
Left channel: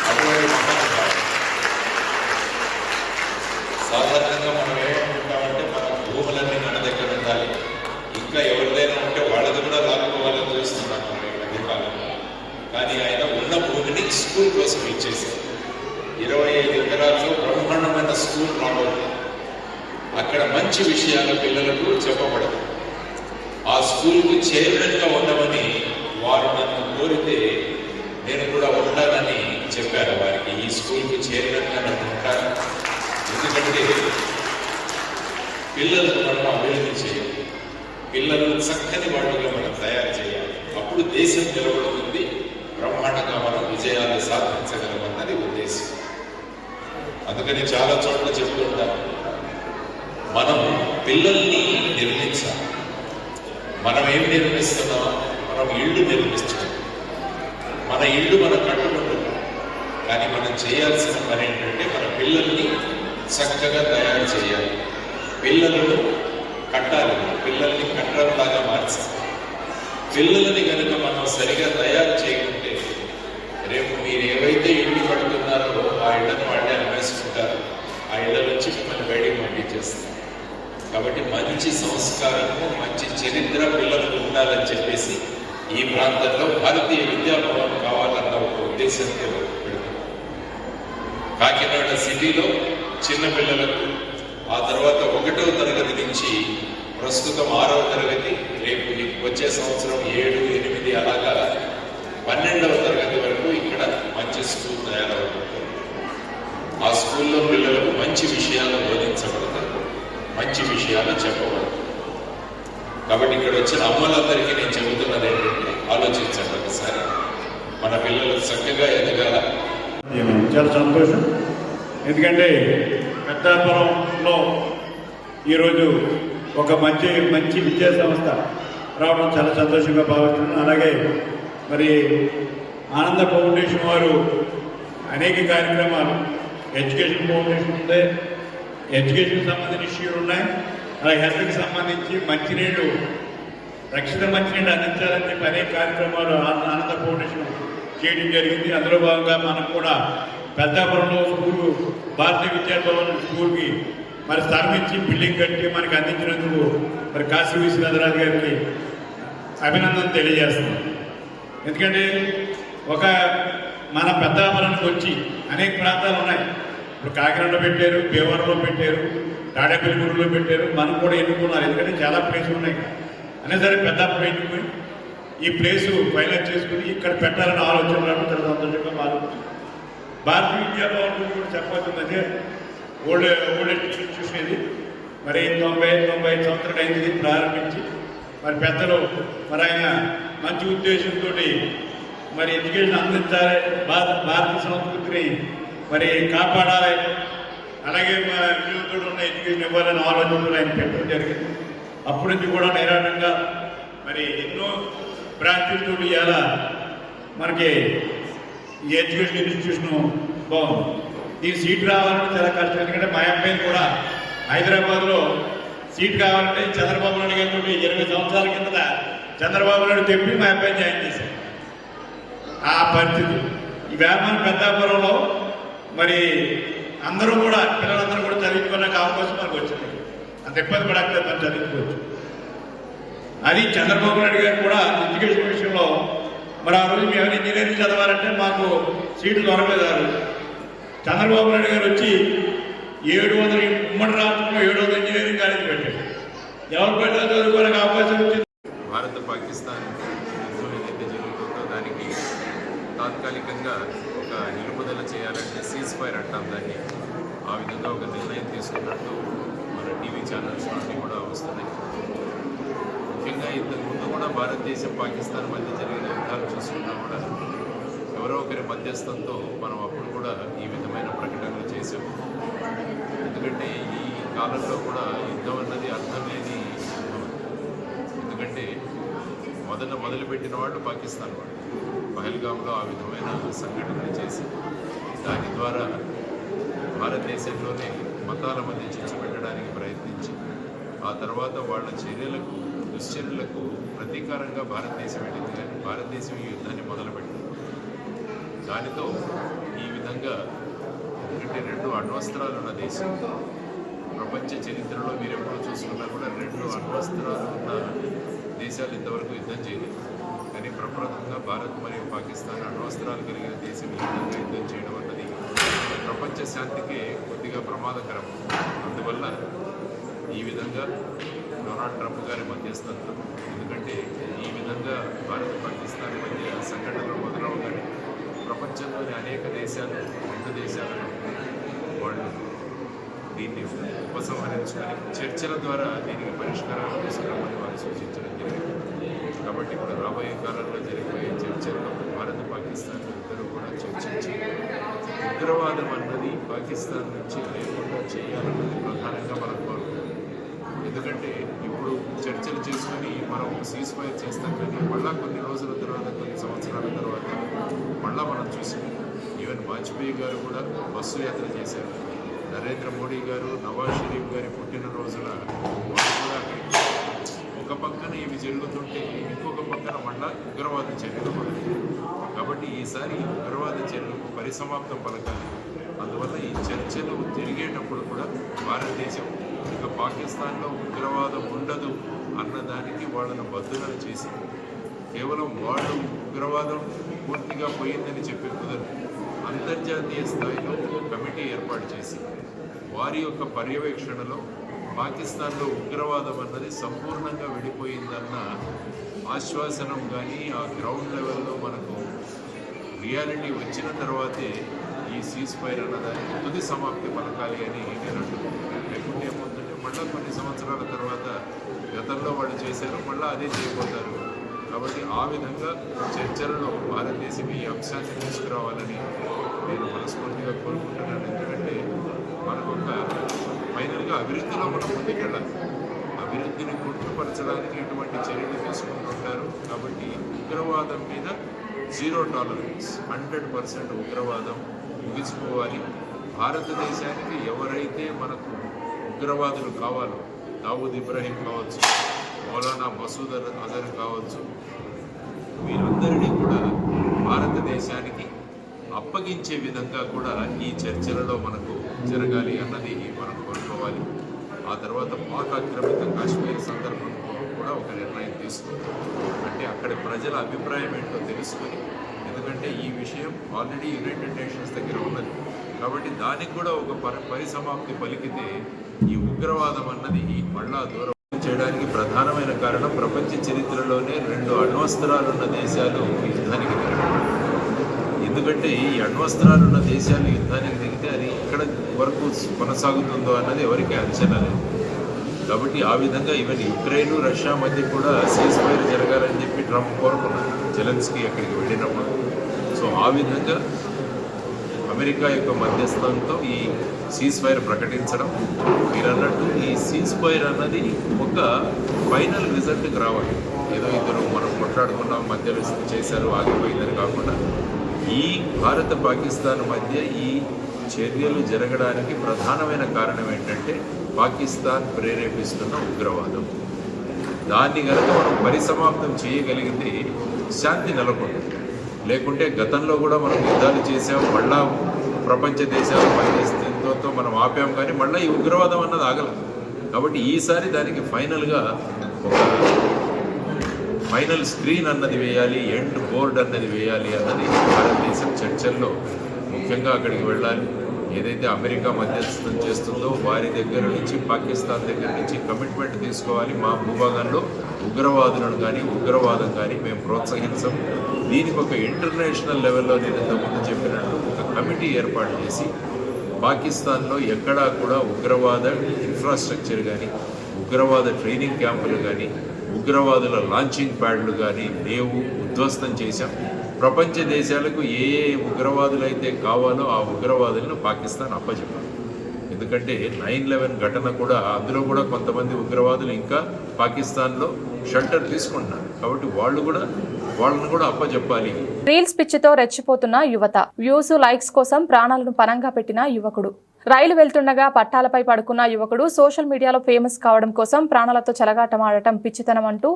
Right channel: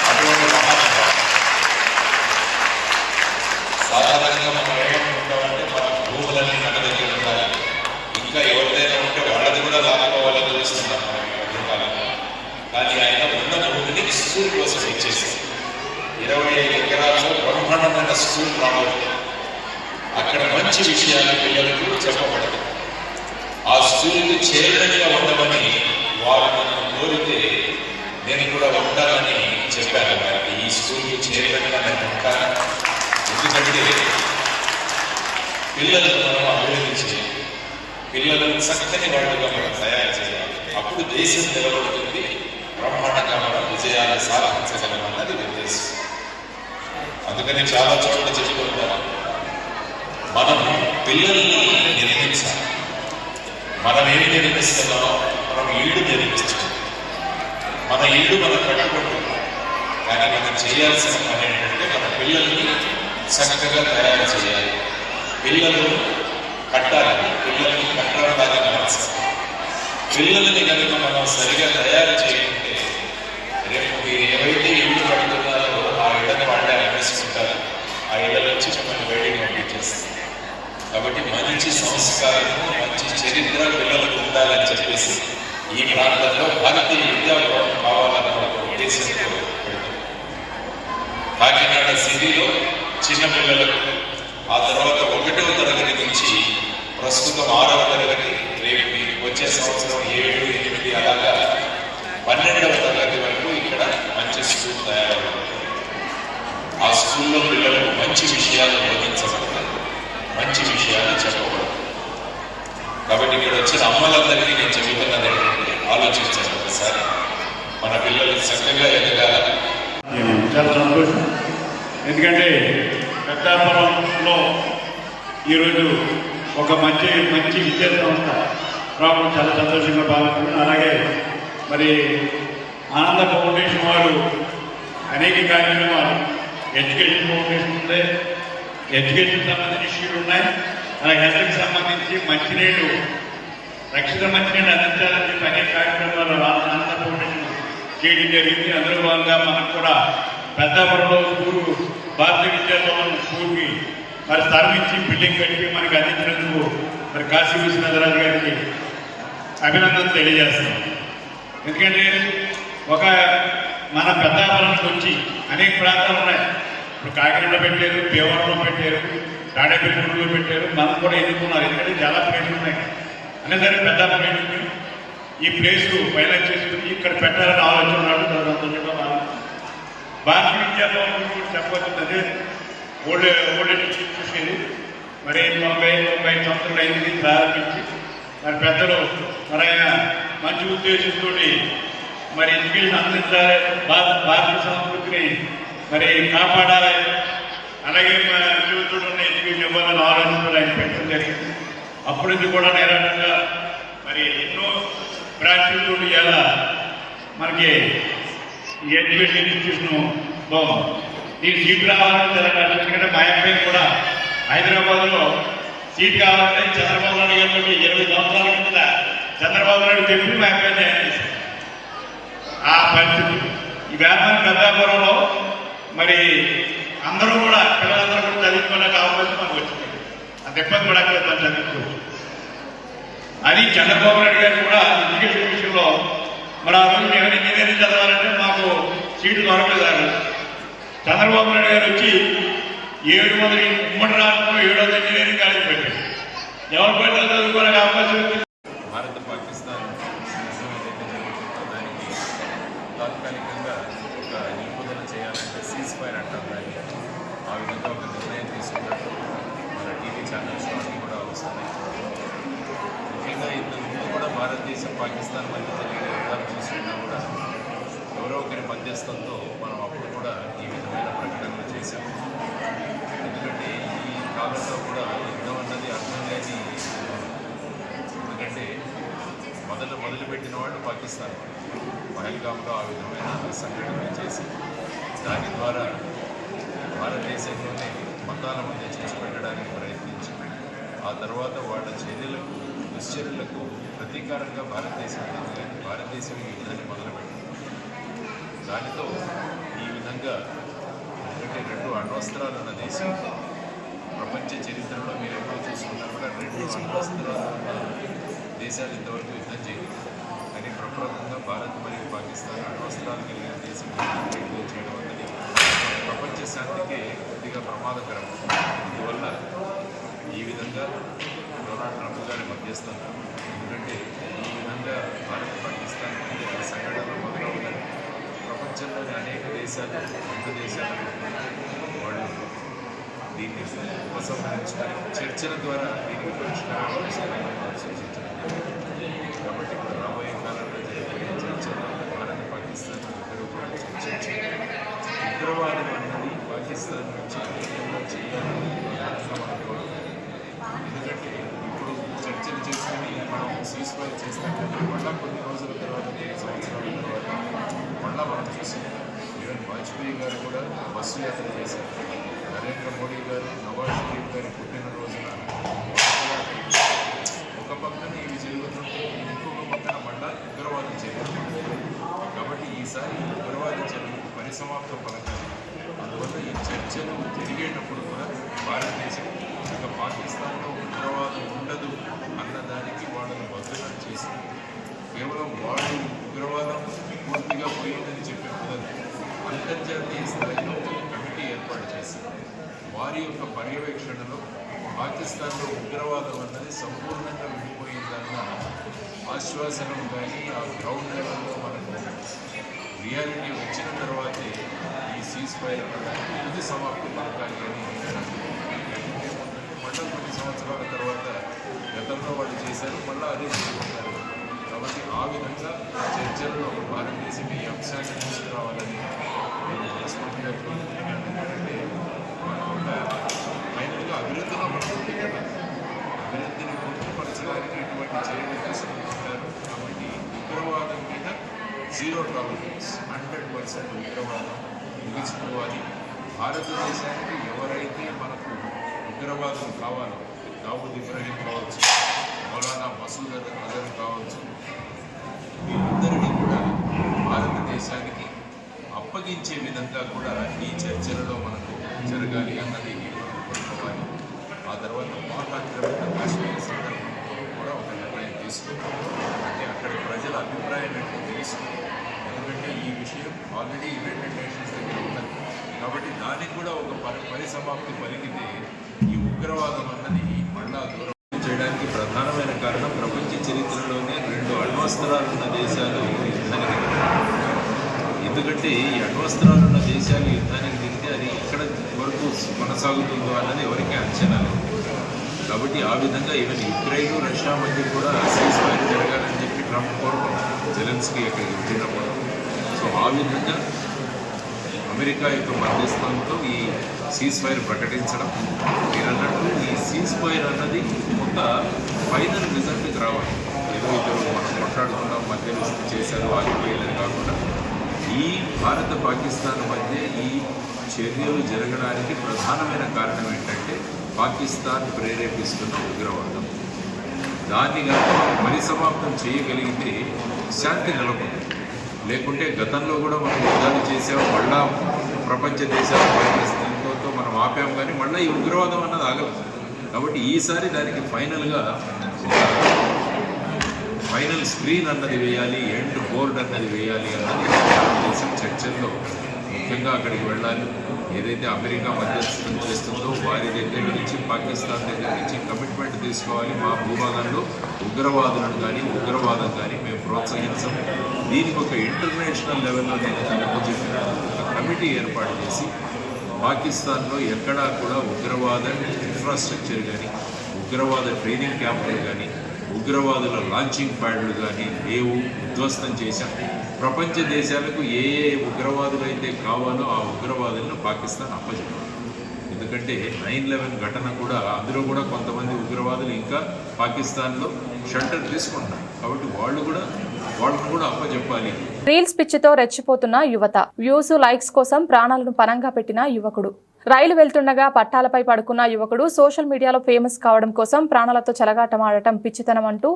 అటువంటి మహానుభావం. సాధారణంగా మనం ఏమనుకుంటామంటే మన భూములన్నీ మన దగ్గర ఉండాలి, బ్రహ్మాండమైన స్కూల్ రావడం, అక్కడ మంచి విషయాలు పిల్లలకు చెప్పబడదు. ఆ స్కూల్కి చేరడంగా ఉండమని వారు నన్ను కోరితే నేను కూడా ఉంటానని చెప్పారు. వారికి ఈ స్కూల్కి చేరడంగా నేను ఉంటాను. ఎందుకంటే పిల్లలను మనం అభివృద్ధి చేయాలి, పిల్లలను చక్కని వాడుగా మనం తయారు చేయాలి. అప్పుడు దేశం నిలబడుతుంది, బ్రహ్మాండంగా మనం విజయాలు సాధించగలమన్నది ఉద్దేశం. అందుకని చాలా చోట్ల చెప్పుకుంటాం, మనం పిల్లల్ని నిర్మించాలి. మనం ఏమి నిర్మిస్తున్నామో మనం ఇల్లు నిర్మిస్తున్నాం. మన ఇల్లు మనం కట్టుకుంటున్నాం, కానీ మనం చేయాల్సిన పని ఏంటంటే మన పిల్లల్ని చక్కగా తయారు చేయాలి. పిల్లలను కట్టాలి, పిల్లల్ని కట్టడం లాగా మార్చాలి. పిల్లలని కనుక మనం సరిగా తయారు చేయాలంటే రేపు మీరు ఏవైతే ఇల్లు కట్టుతున్నారో ఆ ఇళ్ళని వాళ్ళని అనిపిస్తుంటారు, ఆ ఇళ్ళ నుంచి మిమ్మల్ని బయటికి పంపించేస్తారు. కాబట్టి మంచి సంస్కారము, మంచి చరిత్ర పిల్లలకు ఉండాలని చెప్పేసి ఈ ప్రాంతంలో భారతీయ విద్యాభవనం కావాలన్న ఒక ఉద్దేశంతో కాకినాడ సిటీలో చిన్నపిల్లలకు, ఆ తర్వాత 1వ తరగతి నుంచి ప్రస్తుతం 6వ తరగతి, రేపు వచ్చే సంవత్సరం 7, 8 అలాగా 12వ తరగతి వరకు ఇక్కడ మంచి స్కూల్ తయారవుతుంది. ఆ స్కూల్లో పిల్లలకు మంచి విషయాలు బోధించబడతాయి, మంచి విషయాలు చెప్పబడతాయి. కాబట్టి ఇక్కడ వచ్చిన అమ్మలందరికీ నేను చెబుతున్నది ఏంటంటే ఆలోచించాలి ఒకసారి, మన పిల్లలు చక్కగా ఎదగాల. చాలా సంతోషం, ఎందుకంటే పెద్దాపురంలో ఈరోజు ఒక మంచి విద్యా సంస్థ రావడం చాలా సంతోషంగా భావిస్తున్నాను. అలాగే మరి ఆనంద ఫౌండేషన్ వారు అనేక కార్యక్రమాలు, ఎడ్యుకేషన్ ఫౌండేషన్ ఉంది, ఎడ్యుకేషన్ సంబంధించిన ఇష్యూలు ఉన్నాయి, అలాగే హెల్త్కి సంబంధించి మంచినీళ్ళు, రక్షిత మంచినీళ్ళు అందించాలని చెప్పి అనేక కార్యక్రమాలు ఆనంద ఫౌండేషన్ చేయడం జరిగింది. అందులో భాగంగా మనకు కూడా పెద్దాపురంలో స్కూల్, భారతీయ విద్యాభవన్ స్కూల్కి మరి స్థాపించి బిల్డింగ్ కట్టి మనకి అందించినందుకు మరి కాశీ విశ్వనాథరాజు గారికి అభినందన తెలియజేస్తాం. ఎందుకంటే ఒక మన పెద్దాపురానికి వచ్చి అనేక ప్రాంతాలు ఉన్నాయి. ఇప్పుడు కాకినాడలో పెట్టారు, భీమవరంలో పెట్టారు, తాడేపల్లిగూడలో పెట్టారు, మనం కూడా ఎన్నుకున్నారు. ఎందుకంటే చాలా ప్లేసులు ఉన్నాయి. అయినా సరే పెద్దాపురం ఎన్నుకుని ఈ ప్లేసు ఫైనల్ చేసుకుని ఇక్కడ పెట్టాలని ఆలోచన రావడం చాలా సంతోషంగా మారుతుంది. భారతీయ విద్యాభవన్ గురించి చెప్పవచ్చు, అదే ఓల్డ్ చూసేది మరి 90 సంవత్సరాలు అయింది ప్రారంభించి. మరి పెద్దలు మరి ఆయన మంచి ఉద్దేశంతో మరి ఎడ్యుకేషన్ అందించాలి, భారతీయ సంస్కృతిని మరి కాపాడాలి, అలాగే మన యువతులు ఉన్న ఎడ్యుకేషన్ ఇవ్వాలని ఆలోచనలు ఆయన పెట్టడం జరిగింది. అప్పటి నుంచి కూడా నిరాటంగా మరి ఎన్నో బ్రాంచ్లతో ఇలా మనకి ఈ ఎడ్యుకేషన్ ఇన్స్టిట్యూషన్ బాగుంది. దీని సీట్ రావాలంటే చాలా కష్టం. ఎందుకంటే మా అబ్బాయి కూడా హైదరాబాద్లో సీట్ కావాలంటే చంద్రబాబు నాయుడు గారితో 20 సంవత్సరాల కింద చంద్రబాబు నాయుడు చెప్పి మా అబ్బాయిని జాయిన్ చేశారు. ఆ పరిస్థితి ఈ వ్యాపారం పెద్దాపురంలో మరి అందరూ కూడా పిల్లలందరూ కూడా చదువుకున్నాక అవకాశం మనకు వచ్చింది. అంత ఇబ్బంది పడక్కలేదు, మనం చదువుకోవచ్చు. అది చంద్రబాబు నాయుడు గారు కూడా ఎడ్యుకేషన్ విషయంలో మరి ఆ రోజు మేము ఇంజనీరింగ్ చదవాలంటే మాకు సీటు దొరకలేదు. చంద్రబాబు నాయుడు గారు వచ్చి 700 ఉమ్మడి రాష్ట్రంలో 700 ఇంజనీరింగ్ కాలేజ్ పెట్టారు. ఎవరు పెట్టారు చదువుకోవడానికి అవకాశం వచ్చింది. భారత పాకిస్తాన్ యుద్ధం ఏదైతే జరుగుతుందో దానికి తాత్కాలికంగా ఒక నిలుపుదల చేయాలంటే సీజ్ ఫైర్ అంటాం దాన్ని. ఆ విధంగా ఒక నిర్ణయం తీసుకున్నట్టు మన టీవీ ఛానల్స్ అన్నీ కూడా వస్తున్నాయి. ముఖ్యంగా ఇంతకుముందు కూడా భారతదేశం పాకిస్తాన్ మధ్య జరిగిన యుద్ధాలు చూసుకున్నా కూడా ఎవరో ఒకరి మధ్యస్థంతో మనం అప్పుడు కూడా ఈ విధమైన ప్రకటనలు చేశాం. ఎందుకంటే ఈ కాలంలో కూడా యుద్ధం అన్నది అర్థం లేని, ఎందుకంటే మొదలుపెట్టిన వాళ్ళు పాకిస్తాన్ వాళ్ళు పహల్గామ్లో ఆ విధమైన సంఘటనలు చేసి దాని ద్వారా భారతదేశంలోనే మతాల మధ్య చిచ్చు పెట్టడానికి ప్రయత్నించి ఆ తర్వాత వాళ్ళ దుశ్చర్యలకు ప్రతీకారంగా భారతదేశం ఈ యుద్ధాన్ని మొదలుపెట్టింది. దానితో ఈ విధంగా ఎందుకంటే 2 అణ్వస్త్రాలు ఉన్న దేశం, ప్రపంచ చరిత్రలో మీరు ఎప్పుడు చూసుకున్నా కూడా 2 అణ్వస్త్రాలు ఉన్న దేశాలు ఇంతవరకు యుద్ధం చేయలేదు. కానీ ప్రప్రముఖంగా భారత్ మరియు పాకిస్తాన్ అణ్వస్త్రాలు కలిగిన దేశం యుద్ధం చేయడం అన్నది ప్రపంచ శాంతికి కొద్దిగా ప్రమాదకరం. అందువల్ల ఈ విధంగా డొనాల్డ్ ట్రంప్ గారి మధ్యస్థంతో, ఎందుకంటే ఈ విధంగా భారత్ పాకిస్తాన్ మధ్య సంఘటనలు మొదలవుతాయి. ప్రపంచంలోని అనేక దేశాలు, 2 దేశాలను వాళ్ళు దీన్ని ఉపసంహరించుకొని చర్చల ద్వారా దీనికి పరిష్కారం తీసుకురామని వారు సూచించడం జరిగింది. కాబట్టి ఇప్పుడు రాబోయే కాలంలో జరిగిపోయే చర్చల్లో భారత పాకిస్తాన్ ఇద్దరు కూడా చర్చించి ఉగ్రవాదం అన్నది పాకిస్తాన్ నుంచి లేకుండా చేయాలన్నది ప్రధానంగా మనం కోరుతుంది. ఎందుకంటే ఇప్పుడు చర్చలు చేసుకుని మనం సీజ్ఫైర్ చేస్తాం, కానీ మళ్ళా కొన్ని రోజుల తర్వాత, కొన్ని సంవత్సరాల తర్వాత మళ్ళా మనం చూసి ఈవెన్ వాజ్పేయి గారు కూడా బస్సు యాత్ర చేశారు. నరేంద్ర మోడీ గారు నవాజ్ షరీఫ్ గారి పుట్టినరోజున ఒక పక్కన ఇవి జరుగుతుంటే ఇంకొక పక్కన మళ్ళా ఉగ్రవాద చర్యలు పడతాయి. కాబట్టి ఈసారి ఉగ్రవాద చర్యలకు పరిసమాప్తం పలకాలి. అందువల్ల ఈ చర్చలు జరిగేటప్పుడు కూడా భారతదేశం ఇక పాకిస్తాన్లో ఉగ్రవాదం ఉండదు అన్నదానికి వాళ్ళను బద్దులను చేసి కేవలం వాళ్ళు ఉగ్రవాదం పూర్తిగా పోయిందని చెప్పే కుదరదు. అంతర్జాతీయ స్థాయిలో ఒక కమిటీ ఏర్పాటు చేసి వారి యొక్క పర్యవేక్షణలో పాకిస్తాన్లో ఉగ్రవాదం అన్నది సంపూర్ణంగా విడిపోయిందన్న ఆశ్వాసనం కానీ ఆ గ్రౌండ్ లెవెల్లో మనకు రియాలిటీ వచ్చిన తర్వాతే ఈ సీజ్ఫైర్ అన్నదానికి తుది సమాప్తి పలకాలి అని లేకుంటే ఏమవుతుందంటే మళ్ళీ కొన్ని సంవత్సరాల తర్వాత గతంలో వాళ్ళు చేశారు, మళ్ళీ అదే చేయబోతారు. కాబట్టి ఆ విధంగా చర్చలలో భారతదేశం ఈ అంశాన్ని తీసుకురావాలని నేను మనస్ఫూర్తిగా కోరుకుంటున్నాను. ఎందుకంటే మనకు ఒక ఫైనల్గా అభివృద్ధిలో మనం ముందుకెళ్ళాలి. అభివృద్ధిని గుర్తుపరచడానికి ఇటువంటి చర్యలు తీసుకుంటుంటారు. కాబట్టి ఉగ్రవాదం మీద 0 టాలరెన్స్, 100% ఉగ్రవాదం ముగిసిపోవాలి. భారతదేశానికి ఎవరైతే మనకు ఉగ్రవాదులు కావాలో, దావూద్ ఇబ్రాహీం కావచ్చు, మౌలానా మసూద్ అజర్ కావచ్చు, వీరందరినీ కూడా భారతదేశానికి అప్పగించే విధంగా కూడా ఈ చర్చలలో మనకు జరగాలి అన్నది మనం కోరుకోవాలి. ఆ తర్వాత పాక్ ఆక్రమిత కాశ్మీర్ సందర్భంలో కూడా ఒక నిర్ణయం తీసుకోవాలి. అంటే అక్కడి ప్రజల అభిప్రాయం ఏంటో తెలుసుకుని, ఎందుకంటే ఈ విషయం ఆల్రెడీ యునైటెడ్ నేషన్స్ దగ్గర ఉన్నది. కాబట్టి దానికి కూడా ఒక పరిసమాప్తి పలికితే ఈ ఉగ్రవాదం అన్నది మళ్ళా దూరం చేయడానికి ప్రధానమైన కారణం ప్రపంచ చరిత్రలోనే 2 అణ్వస్త్రాలున్న దేశాలు యుద్ధానికి దిగాయి. ఎందుకంటే ఈ అణ్వస్త్రాలున్న దేశాలు యుద్ధానికి దిగితే అది ఎక్కడ వరకు కొనసాగుతుందో అన్నది ఎవరికీ అంచనా లేదు. కాబట్టి ఆ విధంగా ఈవెన్ యుక్రెయిన్, రష్యా మధ్య కూడా సీజ్ఫైర్ జరగాలని చెప్పి ట్రంప్ కోరుకున్నారు జెలెన్స్కీ అక్కడికి వెళ్ళినప్పుడు. సో ఆ విధంగా అమెరికా యొక్క మధ్యస్థంతో ఈ సీజ్ఫైర్ ప్రకటించడం, మీరు అన్నట్టు ఈ సీజ్ఫైర్ అన్నది ఒక ఫైనల్ రిజల్ట్కి రావాలి. ఏదో ఇద్దరు మనం కొట్లాడుకున్నాం, మధ్యలో చేశారు, ఆగిపోయిందని కాకుండా ఈ భారత పాకిస్తాన్ మధ్య ఈ చర్యలు జరగడానికి ప్రధానమైన కారణం ఏంటంటే పాకిస్తాన్ ప్రేరేపిస్తున్న ఉగ్రవాదం. దాన్ని కనుక మనం పరిసమాప్తం చేయగలిగితే శాంతి నెలకొంటుంది. లేకుంటే గతంలో కూడా మనం యుద్ధాలు చేసాం, మళ్ళా ప్రపంచ దేశాల పరిస్థితులతో మనం ఆపాం, కానీ మళ్ళీ ఈ ఉగ్రవాదం అన్నది ఆగలేదు. కాబట్టి ఈసారి దానికి ఫైనల్గా ఒక ఫైనల్ స్క్రీన్ అన్నది వేయాలి, ఎండ్ బోర్డ్ అన్నది వేయాలి అన్నది భారతదేశం చర్చల్లో ముఖ్యంగా అక్కడికి వెళ్ళాలి. ఏదైతే అమెరికా మధ్యస్థం చేస్తుందో వారి దగ్గర నుంచి, పాకిస్తాన్ దగ్గర నుంచి కమిట్మెంట్ తీసుకోవాలి. మా భూభాగంలో ఉగ్రవాదులను కానీ ఉగ్రవాదం కానీ మేము ప్రోత్సహించం. దీనికి ఒక ఇంటర్నేషనల్ లెవెల్లో నేను తమకు చెప్పినట్టు ఒక కమిటీ ఏర్పాటు చేసి పాకిస్తాన్లో ఎక్కడా కూడా ఉగ్రవాద ఇన్ఫ్రాస్ట్రక్చర్ కానీ, ఉగ్రవాద ట్రైనింగ్ క్యాంపులు కానీ, ఉగ్రవాదుల లాంచింగ్ ప్యాడ్లు కానీ లేవు, ఉద్ధ్వస్తం చేశాం. ప్రపంచ దేశాలకు ఏ ఉగ్రవాదులు అయితే కావాలో ఆ ఉగ్రవాదులను పాకిస్తాన్ అప్పచెప్పాలి. ఎందుకంటే 9/11 ఘటన కూడా, అందులో కూడా కొంతమంది ఉగ్రవాదులు ఇంకా పాకిస్తాన్లో షెల్టర్ తీసుకుంటున్నారు. కాబట్టి వాళ్ళను కూడా అప్పచెప్పాలి. రీల్స్ పిచ్చితో రెచ్చిపోతున్న యువత, వ్యూస్ లైక్స్ కోసం ప్రాణాలను పణంగా పెట్టిన యువకుడు. రైలు వెళ్తుండగా పట్టాలపై పడుకున్న యువకుడు సోషల్ మీడియాలో ఫేమస్ కావడం కోసం ప్రాణాలతో చెలగాటమాడటం పిచ్చితనం అంటూ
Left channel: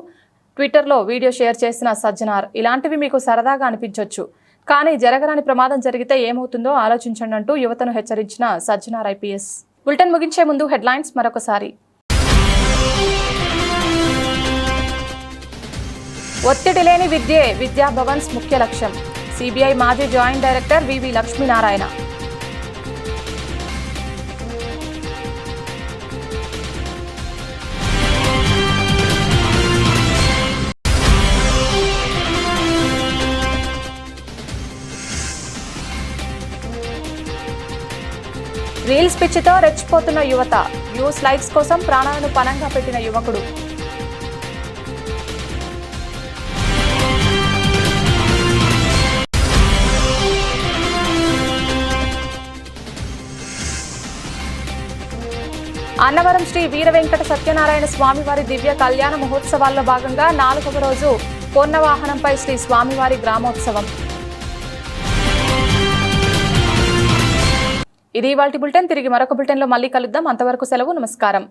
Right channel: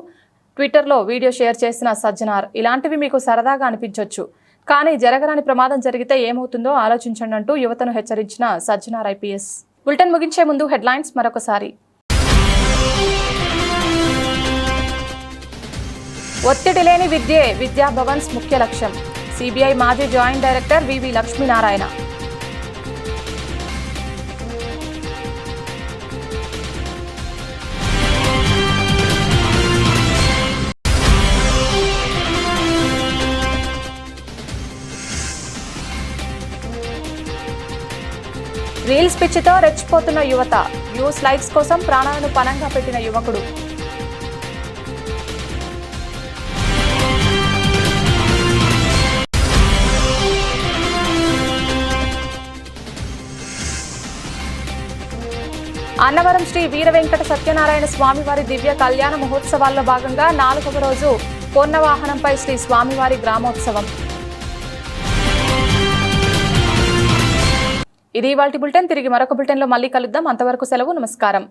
ట్విట్టర్లో వీడియో షేర్ చేసిన సజ్జనార్. ఇలాంటివి మీకు సరదాగా అనిపించవచ్చు, కానీ జరగరాని ప్రమాదం జరిగితే ఏమవుతుందో ఆలోచించండి అంటూ యువతను హెచ్చరించిన సజ్జనార్ ఐపీఎస్. బులెటిన్ ముగించే ముందు హెడ్లైన్స్ మరొకసారి. ఒత్తిడి లేని విద్యే విద్యా భవన్స్ ముఖ్య లక్ష్యం. సిబిఐ మాజీ జాయింట్ డైరెక్టర్ వివి లక్ష్మీనారాయణ. రీల్స్ పిచ్చితో రెచ్చిపోతున్న యువత, వ్యూస్ లైక్స్ కోసం ప్రాణాలను పణంగా పెట్టిన యువకుడు. అన్నవరం శ్రీ వీర వెంకట సత్యనారాయణ స్వామివారి దివ్య కళ్యాణ మహోత్సవాల్లో భాగంగా 4వ రోజు పొన్నవాహనంపై శ్రీ స్వామివారి గ్రామోత్సవం. ఇది ఇవాల్టి బులెటిన్. తిరిగి మరొక బులెటిన్లో మళ్ళీ కలుద్దాం. అంతవరకు సెలవు. నమస్కారం.